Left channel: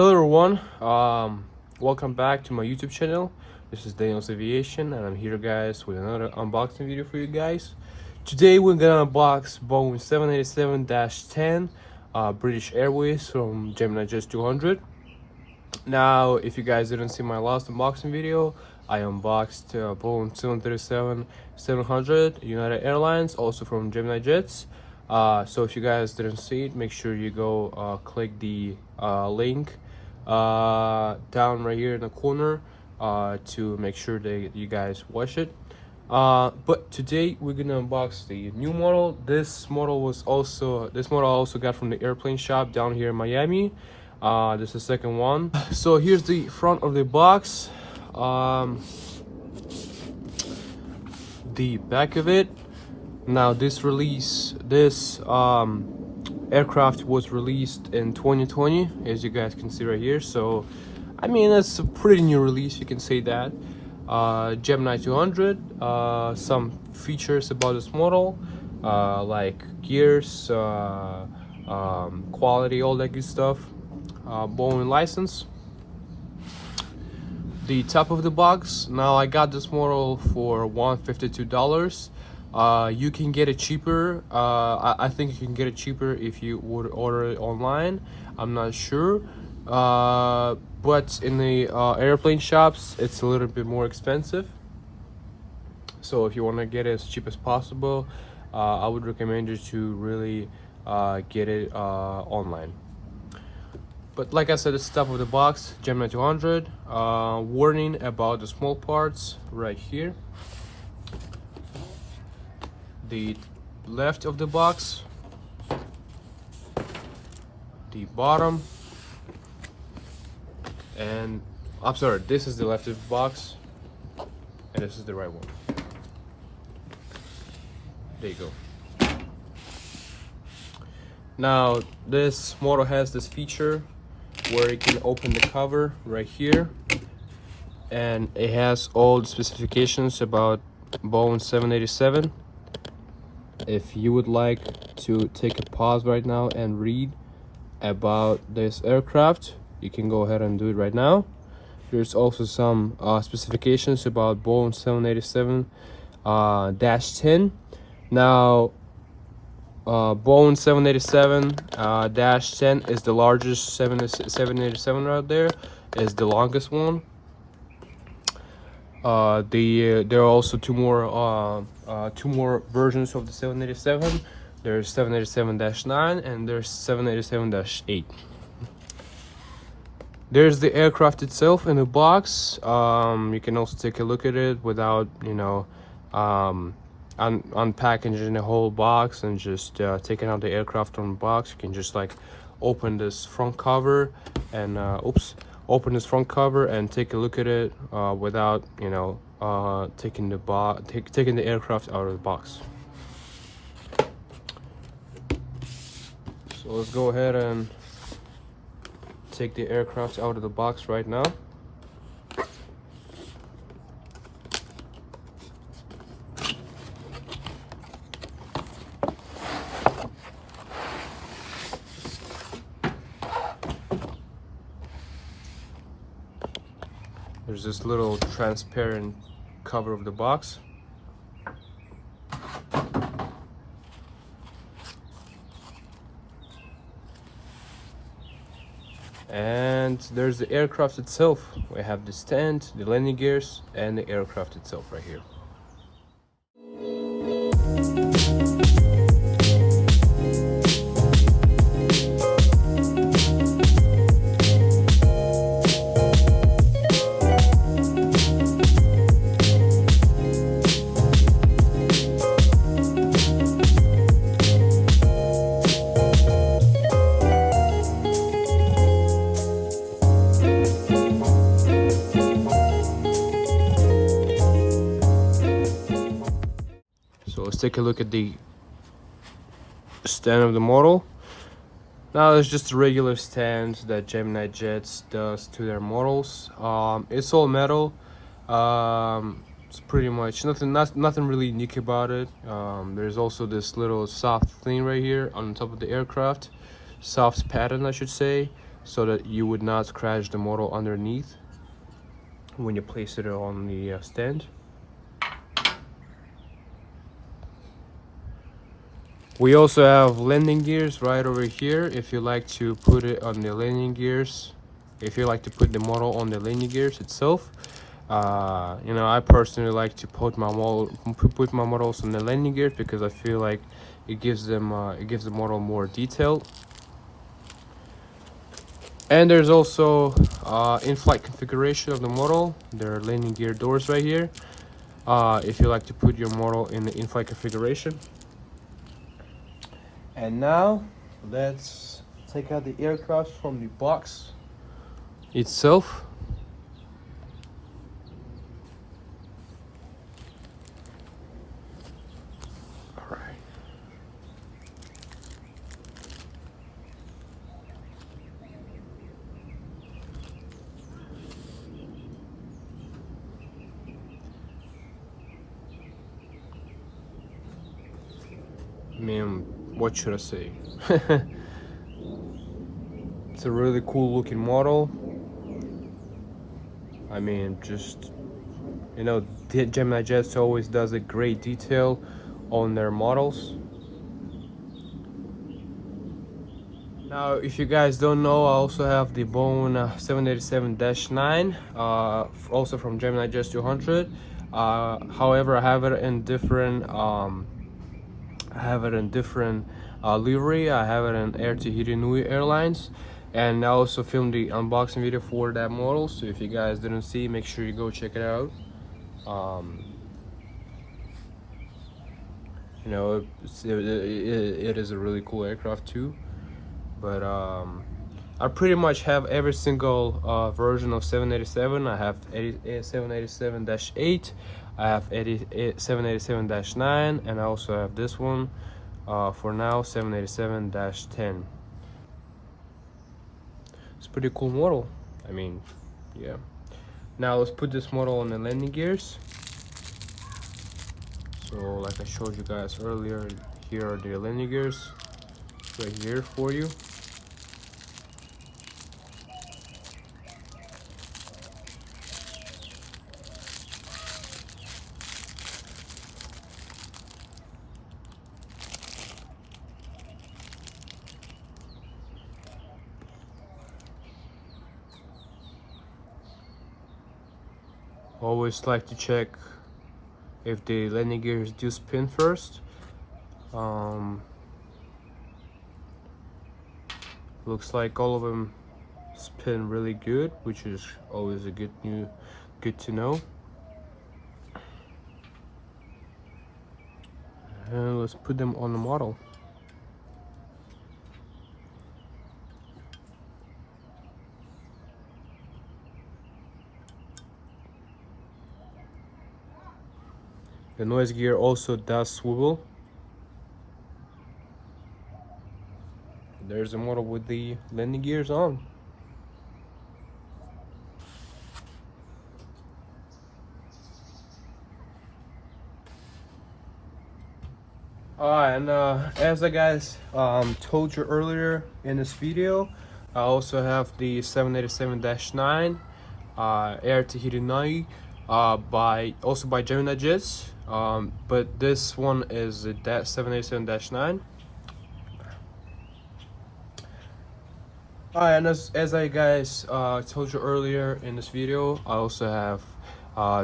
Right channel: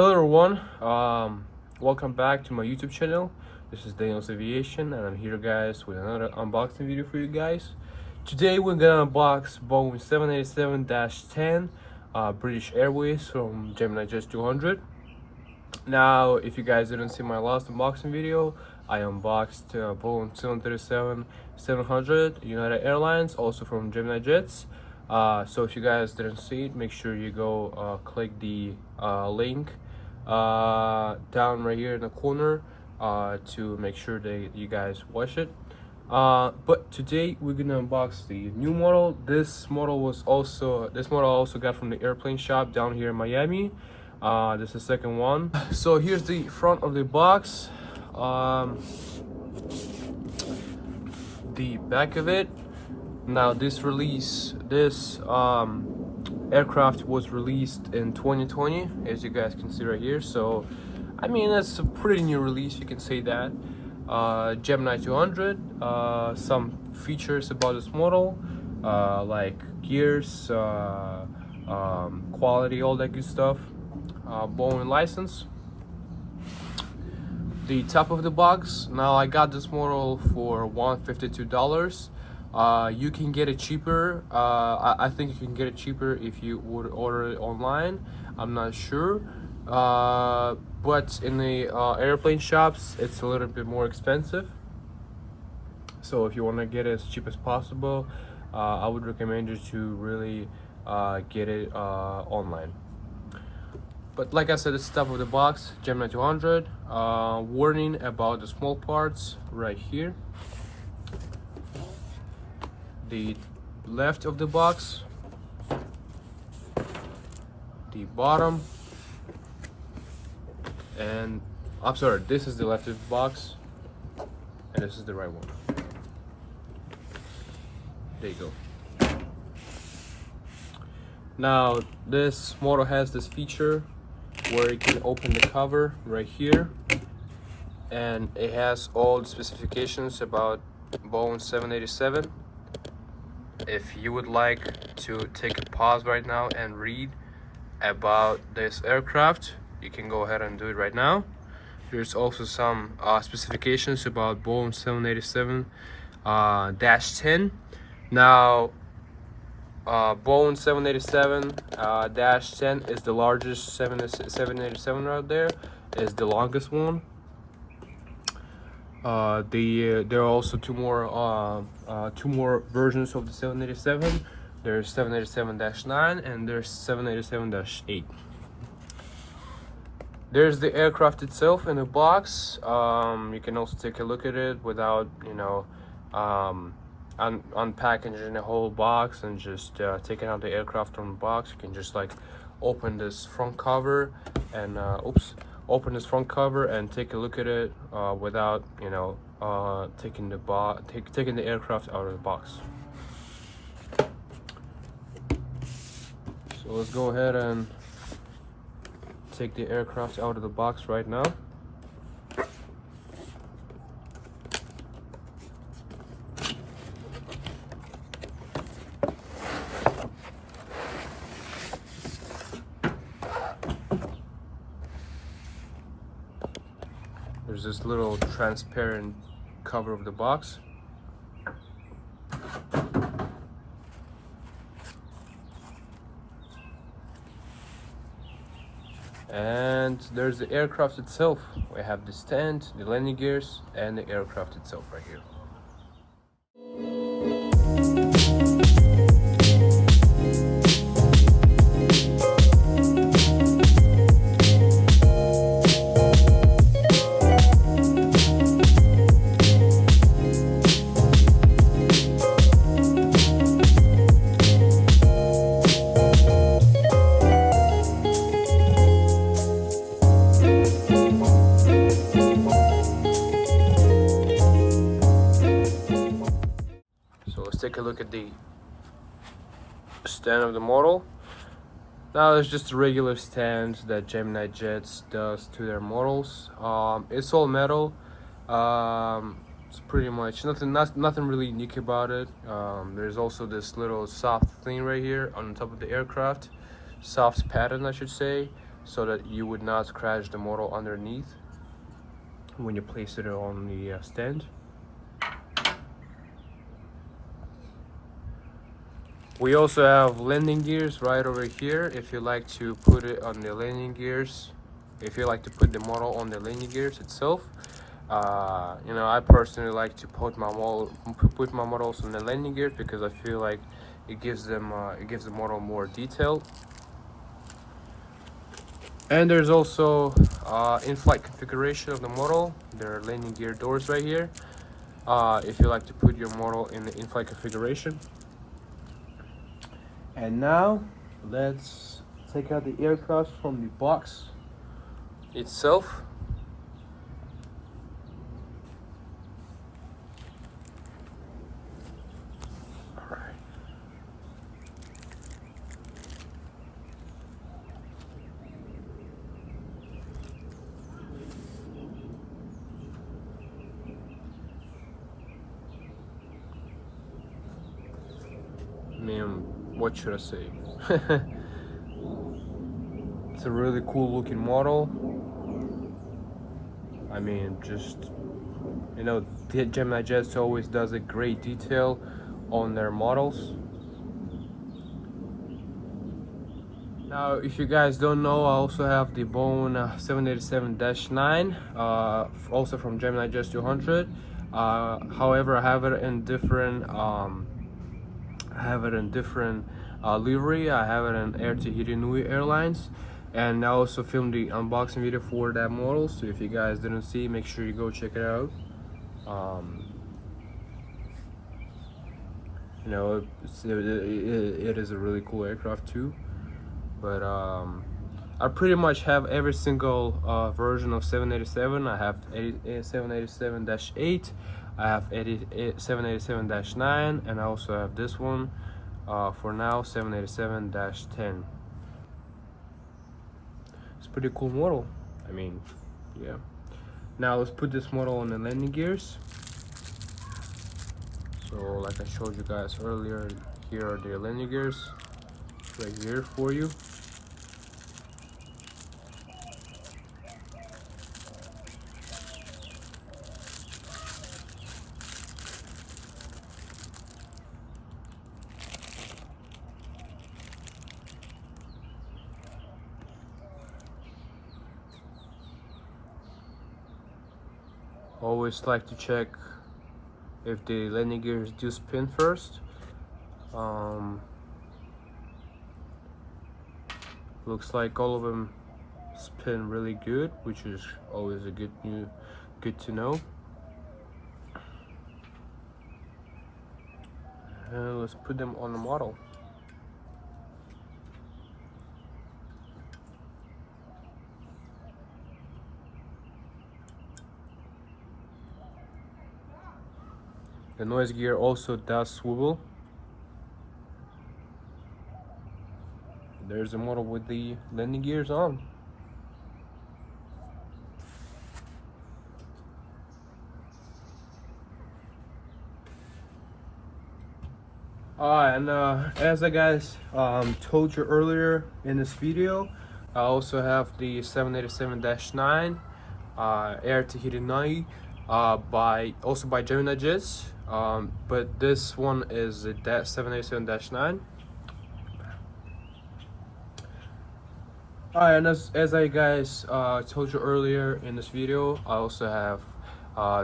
Hello everyone, welcome back to my YouTube channel. This is Daniel's Aviation and I'm here guys with another unboxing video for you guys. Today we're gonna unbox Boeing 787-10 British Airways from Gemini Jets 200. Now if you guys didn't see my last unboxing video, I unboxed Boeing 737-700 United Airlines, also from Gemini Jets. So if you guys didn't see it, make sure you go click the link down right here in the corner to make sure that you guys watch it. But today we're gonna unbox the new model. This model I also got from the airplane shop down here in Miami. This is the second one. So here's the front of the box, the back of it. Now this aircraft was released in 2020, as you guys can see right here. So I mean, it's a pretty new release, you can say that. Gemini 200, some features about this model, like gears, quality, all that good stuff. Boeing license. The top of the box. Now I got this model for $152. You can get it cheaper. I think you can get it cheaper if you would order it online. I'm not sure, but in the airplane shops it's a little bit more expensive. So if you want to get it as cheap as possible, I would recommend you to really get it online. But like I said, it's the top of the box, Gemini 200. Warning about the small parts right here. The left of the box, the bottom, and I'm sorry, this is the left of the box and this is the right one. There you go. Now this model has this feature where you can open the cover right here, and it has all the specifications about Boeing 787. If you would like to take a pause right now and read about this aircraft, you can go ahead and do it right now. There's also some specifications about Boeing 787-10. Now Boeing 787-10 is the largest 787 out there. It's the longest one. There are also two more versions of the 787. There's 787-9 and there's 787-8. There's the aircraft itself in the box. You can also take a look at it without, unpackaging the whole box and just taking out the aircraft from the box. You can just like open this front cover and open this front cover and take a look at it without taking the aircraft out of the box. So let's go ahead and take the aircraft out of the box right now. There's this little transparent cover of the box. And there's the aircraft itself. We have the stand, the landing gears, and the aircraft itself right here. Take a look at the stand of the model. Now it's just a regular stand that Gemini Jets does to their models. It's all metal. It's pretty much nothing really unique about it. There's also this little soft thing right here on top of the aircraft, soft pattern I should say. so that you would not crash the model underneath when you place it on the stand. We also have landing gears right over here if you like to put it on the landing gears, if you like to put the model on the landing gears itself. You know, I personally like to put my models in the landing gears because I feel like it gives the model more detail. And there's also in-flight configuration of the model. There are landing gear doors right here if you like to put your model in the in-flight configuration. And now let's take out the aircraft from the box itself. I mean, what should I say? It's a really cool looking model. I mean, just, you know, the Gemini Jets always does a great detail on their models. Now, if you guys don't know, I also have the Boeing 787-9, also from Gemini Jets 200. However, I have it in different livery. I have it in Air Tahiti Airlines, and I also filmed the unboxing video for that model. So if you guys didn't see, make sure you go check it out. You know, it is a really cool aircraft too. But I pretty much have every single version of 787. I have 787-8. I have 787-9, and I also have this one for now, 787-10. It's a pretty cool model. I mean, yeah. Now let's put this model on the landing gears. So like I showed you guys earlier, here are the landing gears right here for you. Always like to check if the landing gears do spin first. Looks like all of them spin really good, which is always a good to know. And let's put them on the model. The noise gear also does swivel. There's a model with the landing gears on. And as I guys told you earlier in this video, I also have the 787-9 Air Tahiti by Gemini Jets. But this one is the 787-9. And as I guys told you earlier in this video, I also have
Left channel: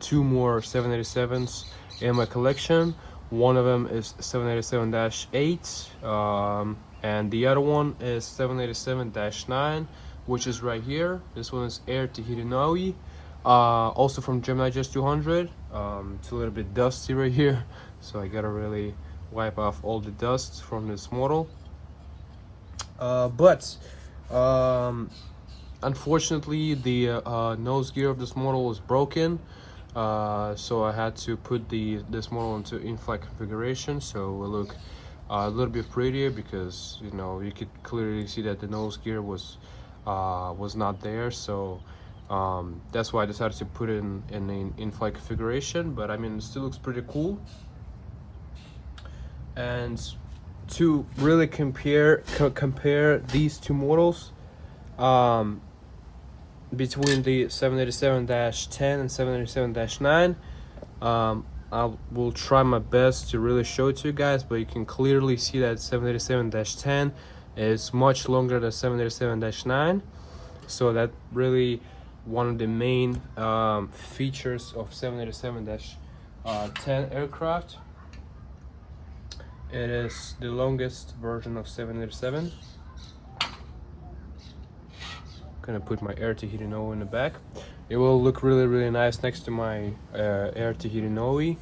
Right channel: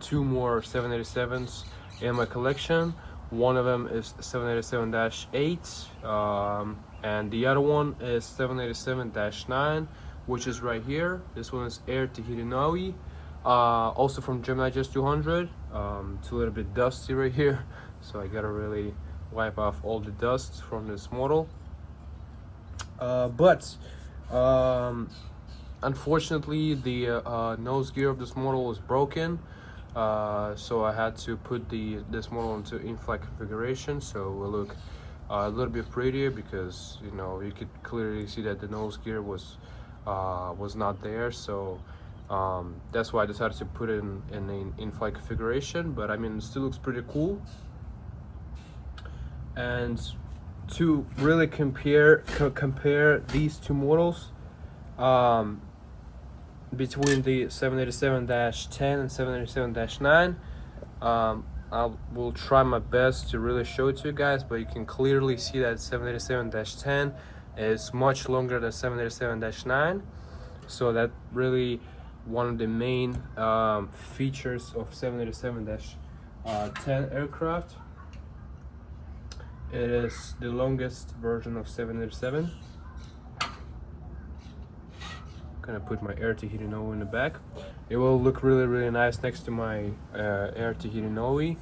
2 more 787s in my collection. One of them is 787-8, and the other one is 787-9, which is right here. This one is Air Tahiti, also from Gemini Jets 200. It's a little bit dusty right here, so I gotta really wipe off all the dust from this model. But unfortunately, the nose gear of this model was broken, so I had to put this model into in-flight configuration, so it will look a little bit prettier, because you know, you could clearly see that the nose gear was not there. So that's why I decided to put it in an in-flight configuration. But I mean, it still looks pretty cool. And to really compare these two models, um, between the 787-10 and 787-9. I will try my best to really show it to you guys, but you can clearly see that 787-10 is much longer than 787-9. So that really one of the main features of 787-10 aircraft. It is the longest version of 787. Gonna put my air to Hirinoe in the back. It will look really nice next to my air to Hirinoe.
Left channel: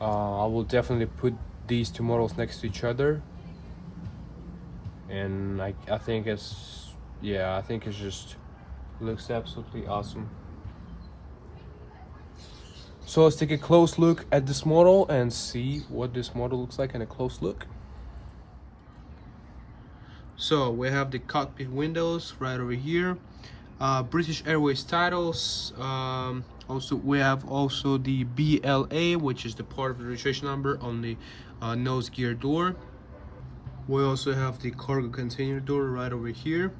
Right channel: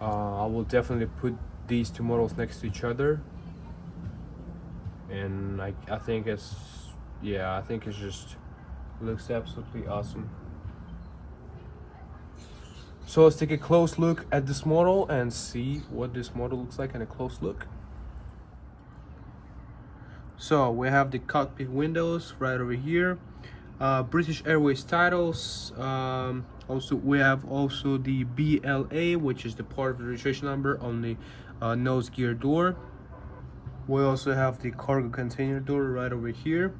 I will definitely put these two models next to each other, and I think it's, yeah, I think it just looks absolutely awesome. So let's take a close look at this model and see what this model looks like in a close look. So we have the cockpit windows right over here. British Airways titles. Also, we have also the BLA, which is the part of the registration number on the nose gear door. We also have the cargo container door right over here.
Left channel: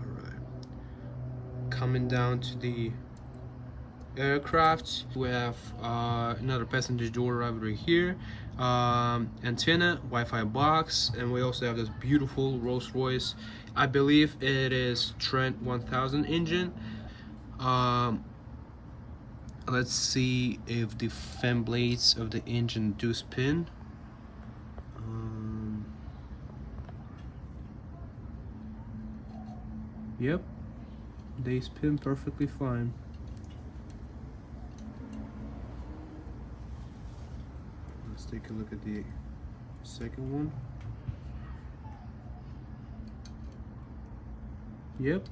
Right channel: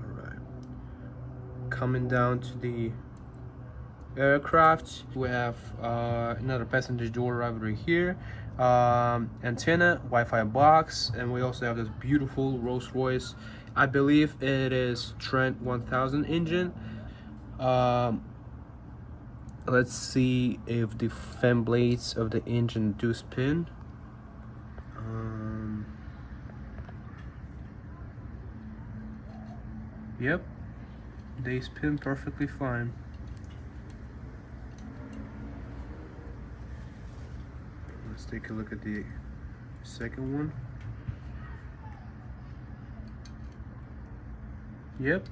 All right. Coming down to the aircraft, we have another passenger door right over here. Antenna, Wi-Fi box, and we also have this beautiful Rolls-Royce. I believe it is Trent 1000 engine. Let's see if the fan blades of the engine do spin. Yep, they spin perfectly fine. Let's take a look at the second one. Yep,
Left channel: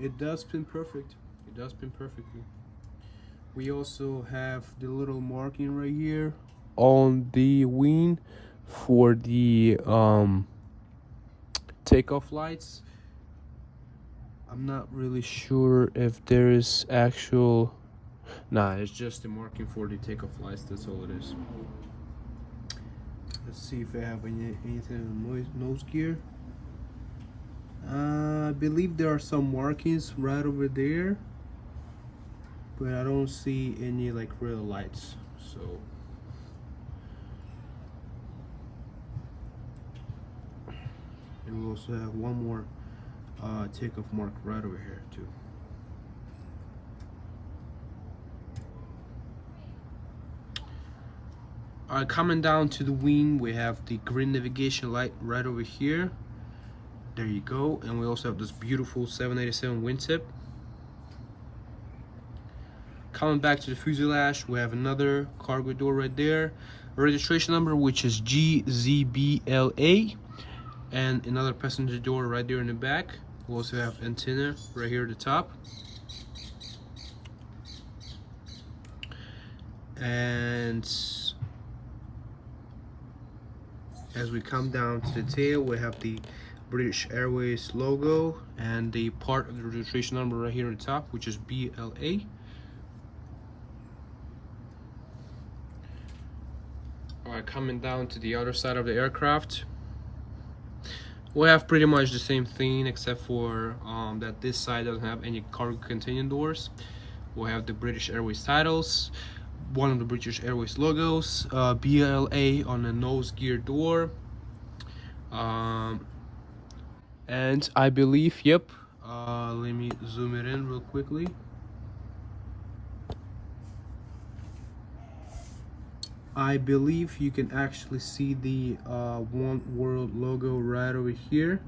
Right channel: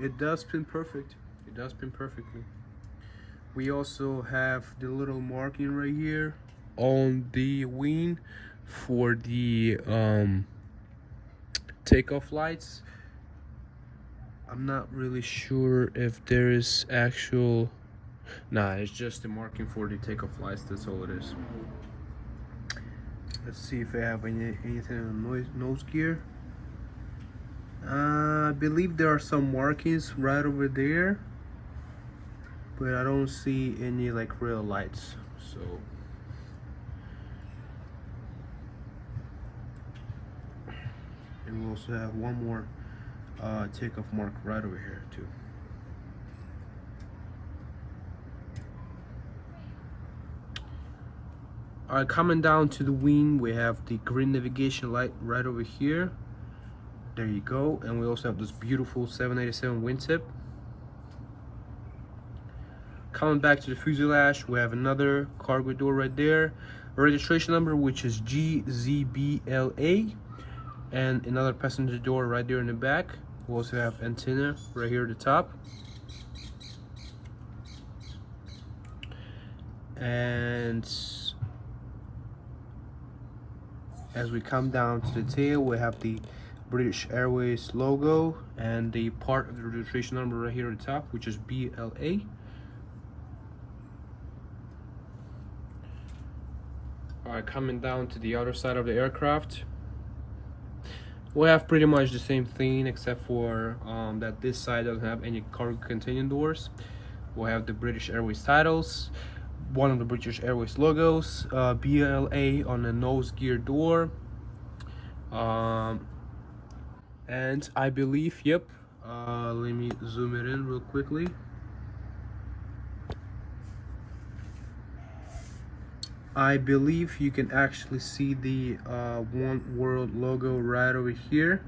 it does spin perfect. It does spin perfectly. We also have the little marking right here on the wing for the takeoff lights. I'm not really sure if there is actual, nah, it's just the marking for the takeoff lights. That's all it is. Let's see if I have anything on nose gear. I believe there are some markings right over there, but I don't see any like real lights. So and we also have one more takeoff mark right over here too. Alright, coming down to the wing, we have the green navigation light right over here. There you go. And we also have this beautiful 787 wingtip. Coming back to the fuselage, we have another cargo door right there. Registration number, which is GZBLA. And another passenger door right there in the back. We also have antenna right here at the top. And as we come down to the tail, we have the British Airways logo and the part of the registration number right here on the top, which is BLA. Alright, coming down to the other side of the aircraft, we have pretty much the same thing, except for that this side doesn't have any cargo container doors. We have the British Airways titles, one of the British Airways logos, BLA on the nose gear door, and I believe, yep, let me zoom it in real quickly. I believe you can actually see the One World logo right over here.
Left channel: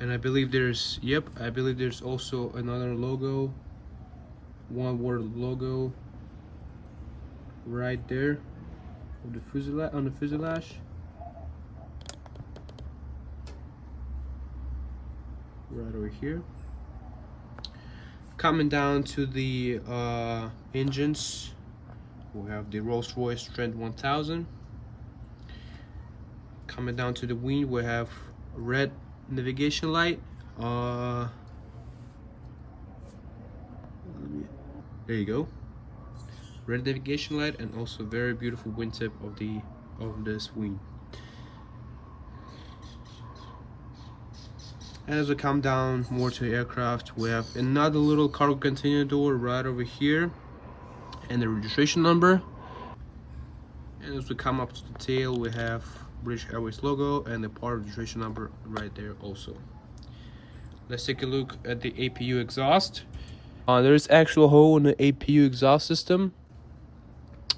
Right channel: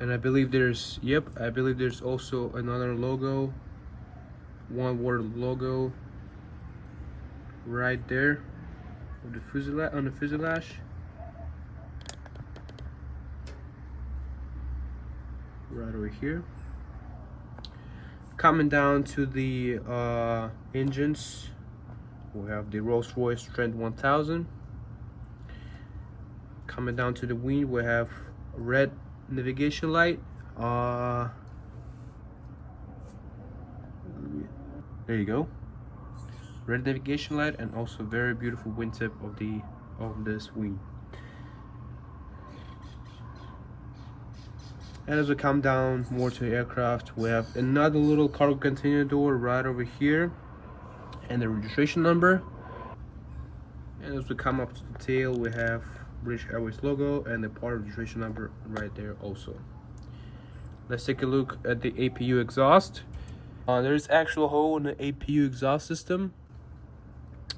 And I believe there's, yep, I believe there's also another logo, One World logo right there on the fuselage, right over here. Coming down to the engines, we have the Rolls-Royce Trent 1000. Coming down to the wing, we have red navigation light. There you go, red navigation light, and also very beautiful wingtip of the of this wing. And as we come down more to the aircraft, we have another little cargo container door right over here, and the registration number. And as we come up to the tail, we have British Airways logo and the part registration number right there also. Let's take a look at the APU exhaust. There's actual hole in the APU exhaust system,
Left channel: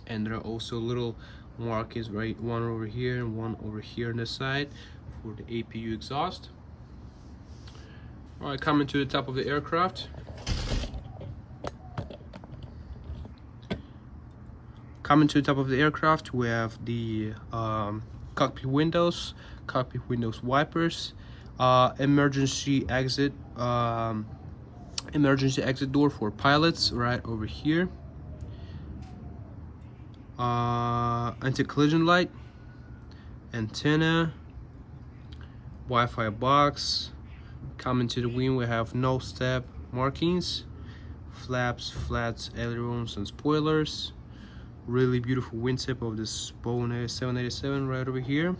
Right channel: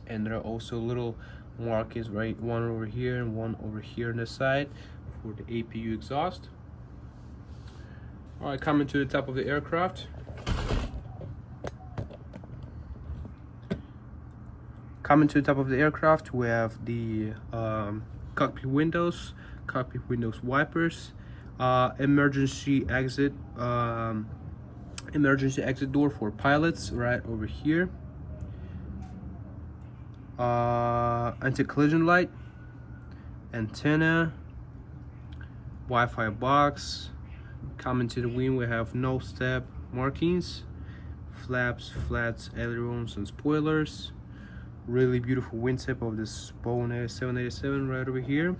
and there are also little markings, right, one over here and one over here on the side for the APU exhaust. All right, coming to the top of the aircraft. Coming to the top of the aircraft, we have the cockpit windows wipers, emergency exit door for pilots right over here, anti-collision light, antenna, Wi-Fi box. Coming to the wing, we have no step markings, flaps, flats, ailerons, and spoilers. Really beautiful wingtip of this Boeing 787 right over here.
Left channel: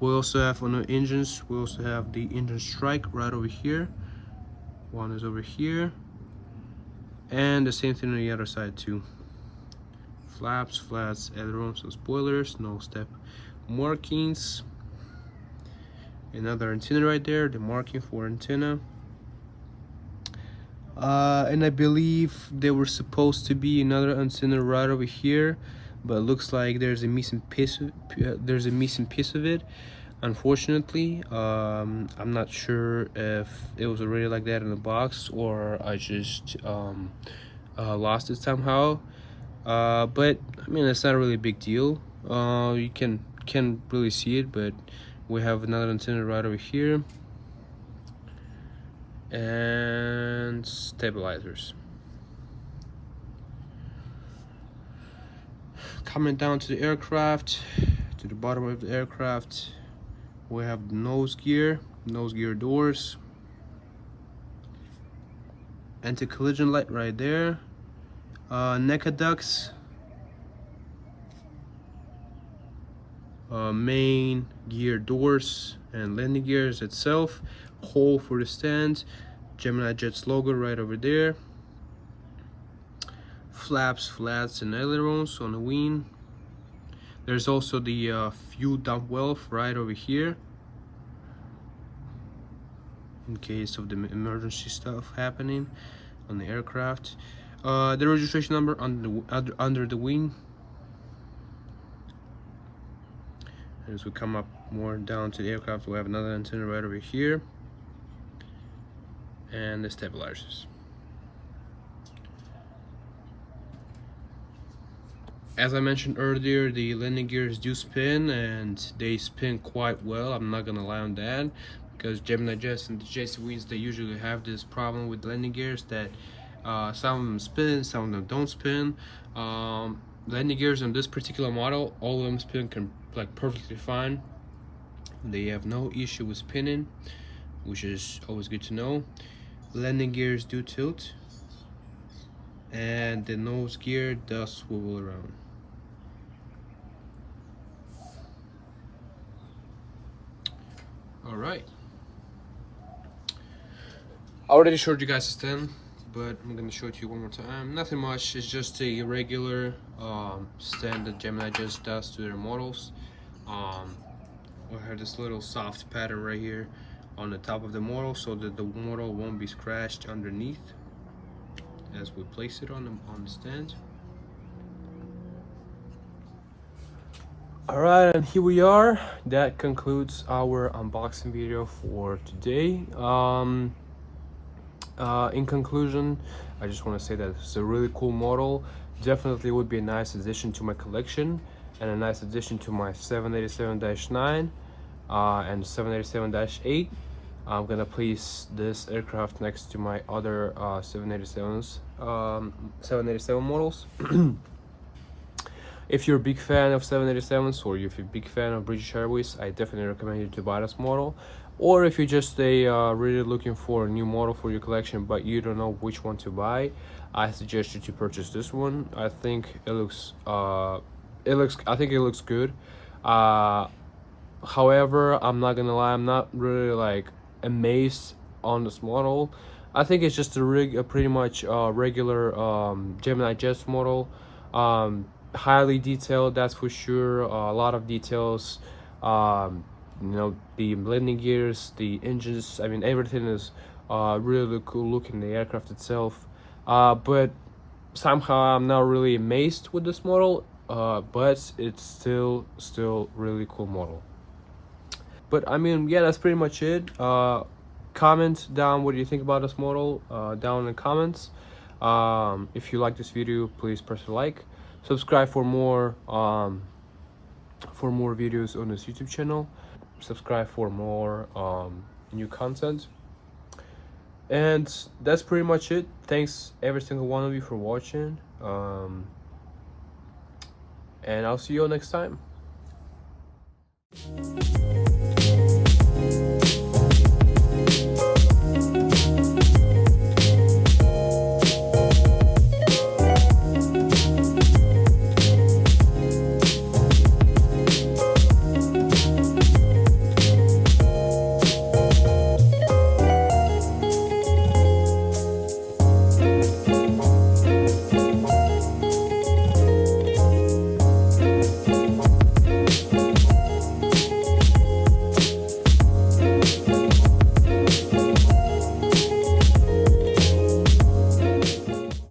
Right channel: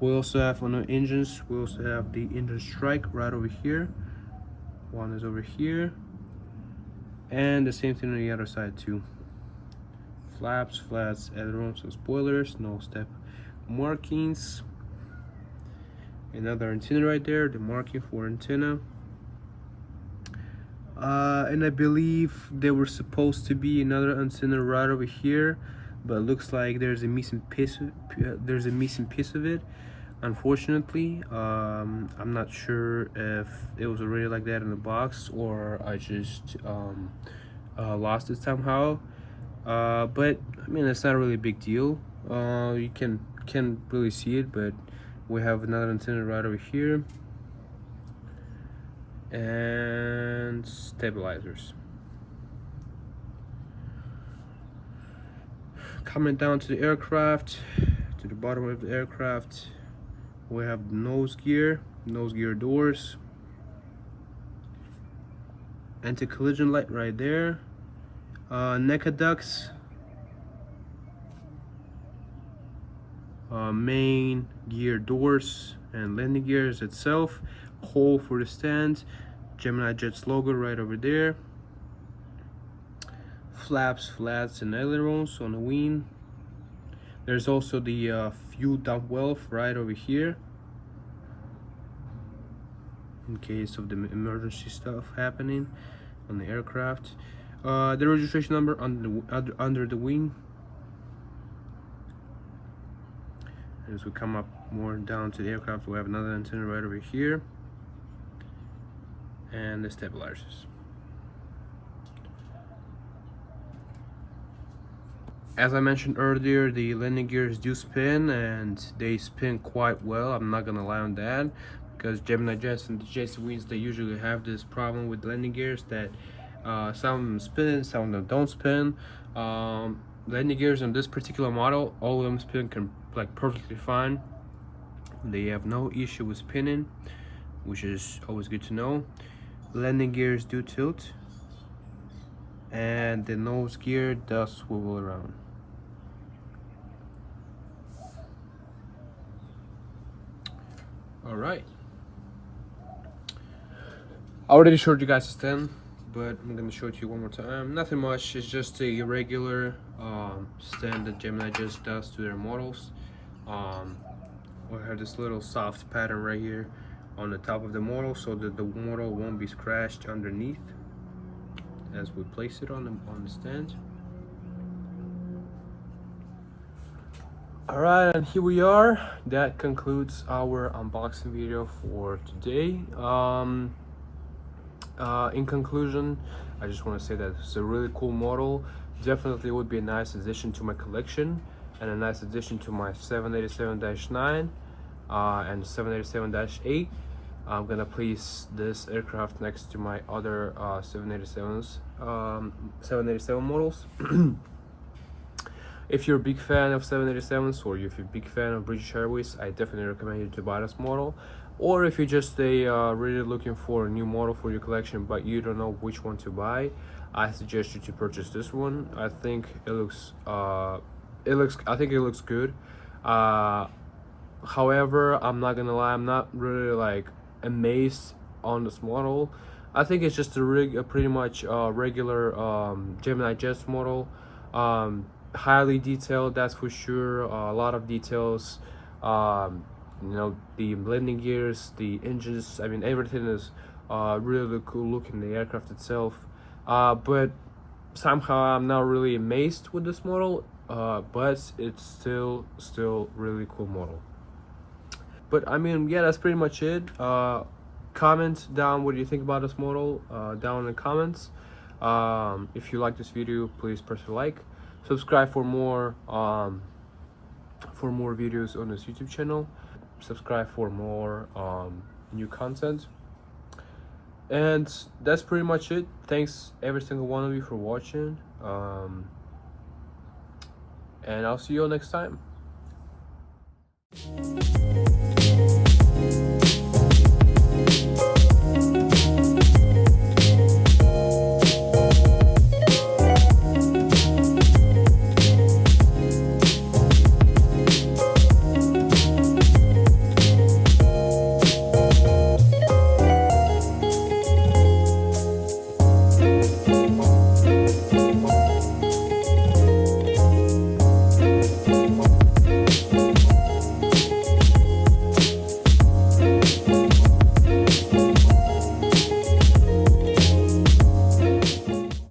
We also have on the engines, we also have the engine strike right over here. One is over here, and the same thing on the other side too. Flaps, flats, ailerons, and spoilers. No step markings. Another antenna right there, the marking for antenna. And I believe there were supposed to be another antenna right over here, but it looks like there's a missing piece. Of it. Unfortunately, I'm not sure if it was already like that in the box or I just lost it somehow. But I mean, it's not really a big deal. You can really see it, but we have another antenna right over here, and stabilizers. Coming down to the aircraft, to the bottom of the aircraft, we have the nose gear doors, anti-collision light right there, NECA ducts, main gear doors and landing gears itself, hole for the stand, Gemini Jets logo right over there, flaps, flats, and ailerons on the wing. There's also the fuel dump valve right over here in case of the emergency stuff happening on the aircraft. The registration number under the wing. As we come up more down to the aircraft, we have another antenna right over here, and the stabilizers. As I mentioned earlier, the landing gears do spin, and they spin quite well. I'm not gonna lie on that, because Gemini Jets and the JC Wings, they usually have this problem with landing gears that some of them spin, some of them don't spin. Landing gears on this particular model, all of them spin like perfectly fine. They have no issue with spinning, which is always good to know. Landing gears do tilt, and the nose gear does swivel around. All right, I already showed you guys the stand, but I'm gonna show it to you one more time. Nothing much, it's just a regular stand that Gemini just does to their models. We have this little soft pattern right here on the top of the model so that the model won't be scratched underneath as we place it on the stand. All right, and here we are. That concludes our unboxing video for today. In conclusion, I just want to say that it's a really cool model. Definitely would be a nice addition to my collection and a nice addition to my 787-9 and 787-8. I'm gonna place this aircraft next to my other 787 models. If you're a big fan of 787s, or if you're a big fan of British Airways, I definitely recommend you to buy this model. Or if you're just really looking for a new model for your collection but you don't know which one to buy, I suggest you to purchase this one. I think it looks good. Uh, However, I'm not gonna lie, I'm not really like amazed on this model. I think it's just a pretty much regular Gemini Jets model. Highly detailed, that's for sure. A lot of details. Um, the landing gears, the engines. I mean, everything is really cool looking. The aircraft itself, but somehow I'm not really amazed with this model. But it's still really cool model. But I mean, yeah, that's pretty much it. Comment down what do you think about this model down in the comments. If you like this video, please press a like. Subscribe for more videos on this YouTube channel. Subscribe for more new content. And that's pretty much it. Thanks every single one of you for watching. And I'll see you all next time.